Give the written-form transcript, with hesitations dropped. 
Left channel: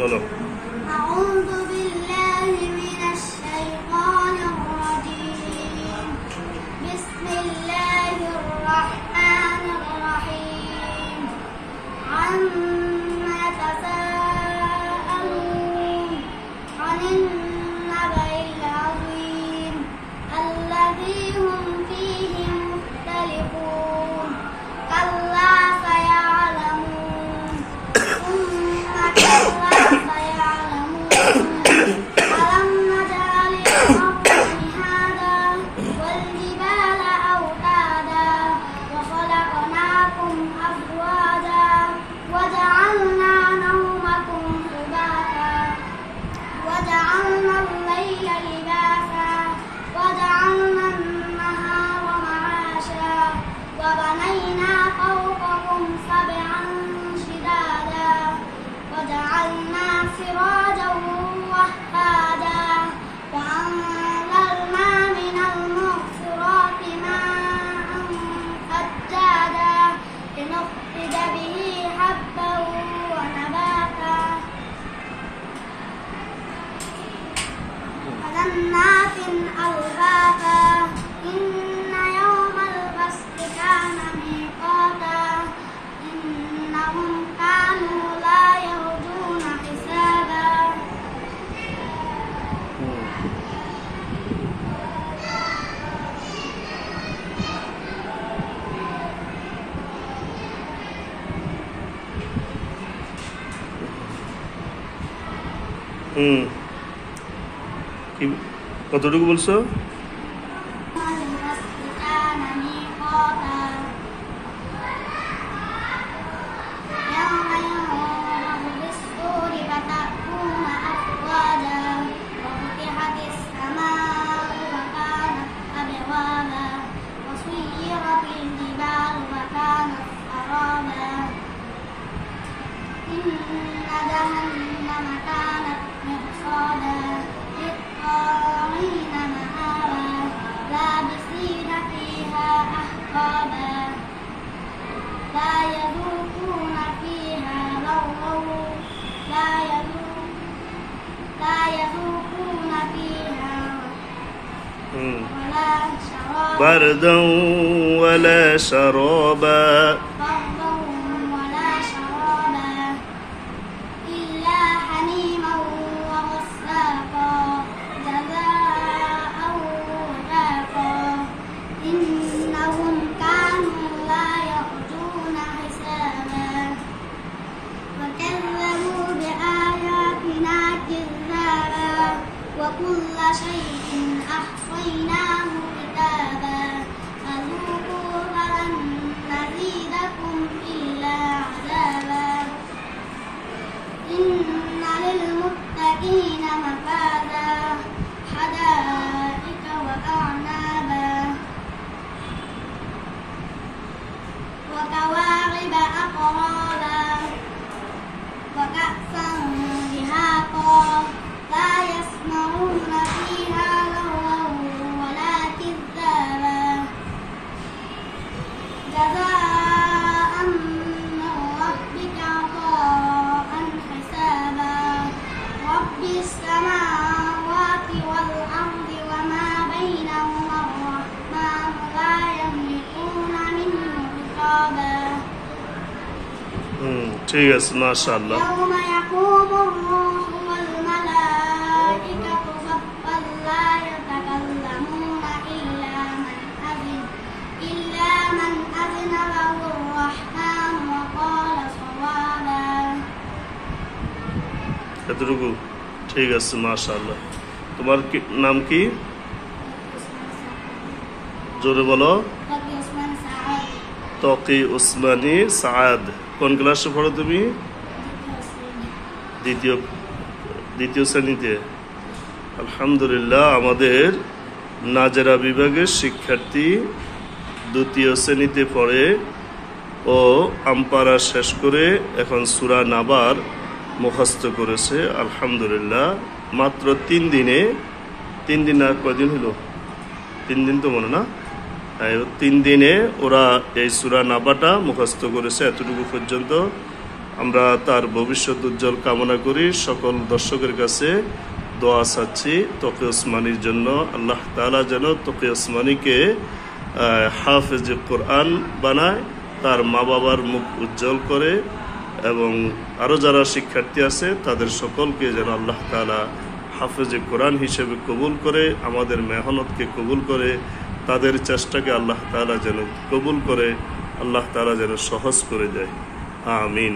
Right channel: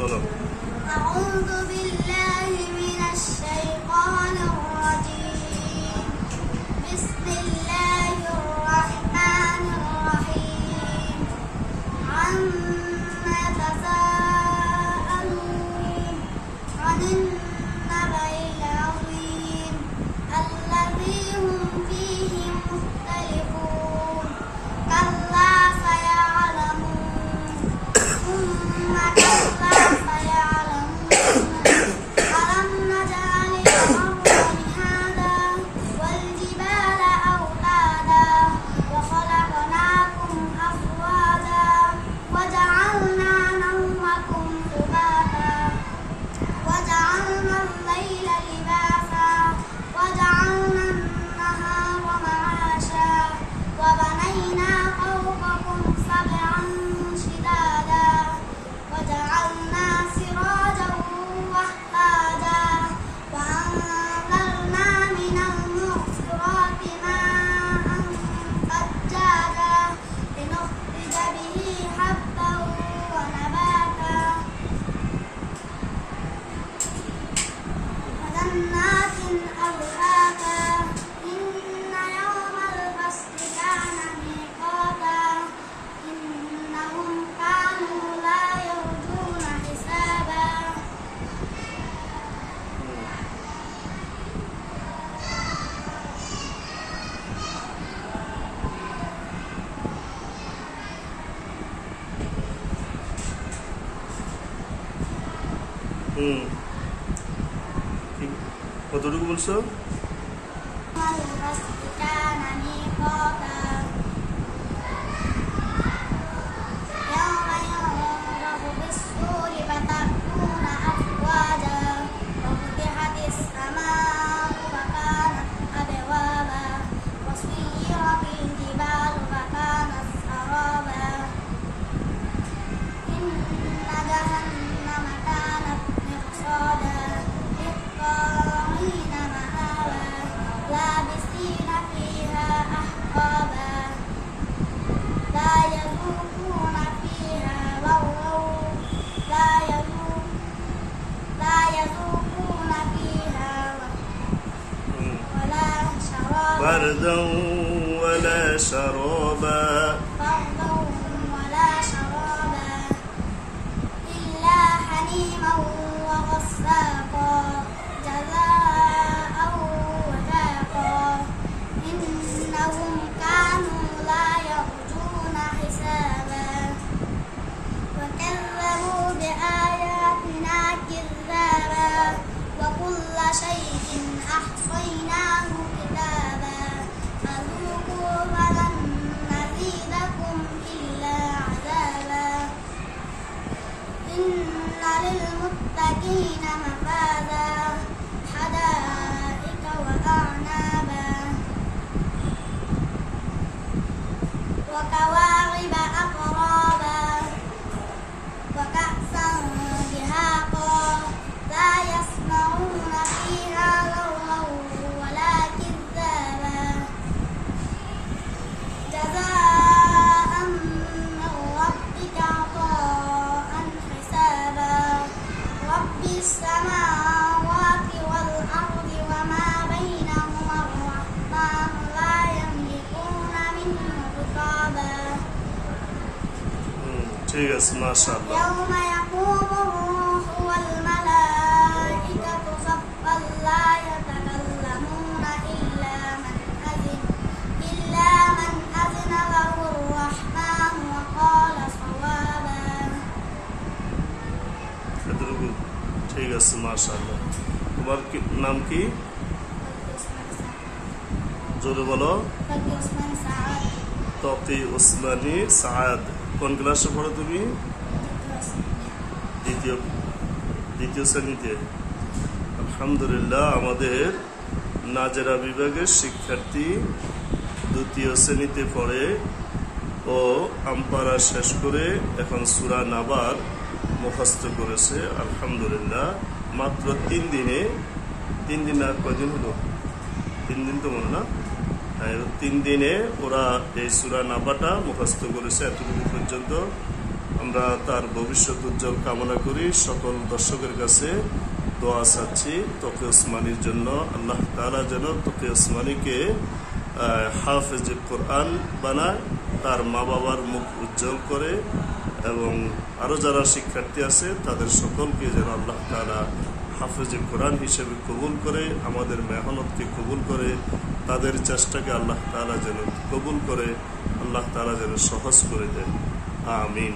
বলো। أعوذ بالله من الشيطان الرجيم بسم الله الرحمن الرحيم عما يتساءلون عن النبأ العظيم الذي هم فيه مختلفون كلا سيعلمون ثم كلا سيعلمون ألم نجعل الأرض مهادا والجبال أوتادا وخلقناكم أزواجا وجعلنا نومكم سباتا وجعلنا الليل لباسا وجعلنا النهار معاشا وبنينا فوقكم سبعا شدادا وجعلنا سراجا وهاجا وأنزلنا من المعصرات ماء ثجاجا لنخرج به حبا ونباتا وجنات ألفافا إن يوم الفصل كان ميقاتا إنهم كانوا لا يرجون حسابا কতটুকু বলছো? الفصل كان ميقاتا يوم ينفخ بالصور فتأتون أفواجا وفتحت السماء فكانت أبوابا وسيرت الجبال فكانت سرابا إن جهنم كانت مرصادا للطاغين مآبا لابسين فيها أحقابا لا يذوقون فيها لغوا لا يذوقون فيها ولا شرابا بردا ولا شرابا بردا ولا شرابا إلا حميما وغساقا جزاء وفاقا إنهم كانوا لا يرجون حسابا وكذبوا بآياتنا كذابا وكل شيء أحصيناه كتابا فذوقوا فلن نزيدكم إلا عذابا إن للمتقين مفازا حدائق وأعنابا وكواعب أترابا وكأسا دهاقا لا يسمعون فيها لغوا ولا كذابا جزاء من ربك عطاء حسابا رب السماوات والأرض وما بينهما الرحمن لا يملكون منه خطابا ঠিক আছে, মাশাআল্লাহ। يوم يقوم الروح والملائكة صفا لا يتكلمون إلا من أذن له الرحمن وقال صوابا এতটুকু ঠিক আছে, মাশাআল্লাহ। তোমার নাম কি? জোরে বলো। تقي عثمان سعد তকি উসমানী সাদ। কোন ক্লাসে পড়ো তুমি? দ্বিতীয় শ্রেণীতে। আলহামদুলিল্লাহ, আমাদের নাজেরা বিভাগের শিক্ষার্থী দ্বিতীয় শ্রেণীতে পড়ে ও আমপারা শেষ করে এখন সূরা নাবার মুখস্থ করেছে। আলহামদুলিল্লাহ, মাত্র 3 দিন আর কয়দিন হলো? 3 দিন তো মনে না? 3 দিনে ওরা এই সূরা নাবাটা মুখস্থ করেছে। এতটুকু পর্যন্ত আমরা তার ভবিষ্যৎ উজ্জ্বল কামনা করি। সকল দর্শকের কাছে দোয়া চাচ্ছি তকি ওসমানীর জন্য। আল্লাহ তাআলা যেন তকি ওসমানীকে হাফেজ কোরআন বানায়, তার মা বাবার মুখ উজ্জ্বল করে, এবং আরও যারা শিক্ষার্থী আছে তাদের সকলকে যেন আল্লাহ তাআলা হাফেজ কোরআন হিসেবে কবুল করে, আমাদের মেহনতকে কবুল করে, তাদের চেষ্টাকে আল্লাহ তাআলা যেন কবুল করে, আল্লাহ তাআলা যেন সহজ করে দেয়। আমিন।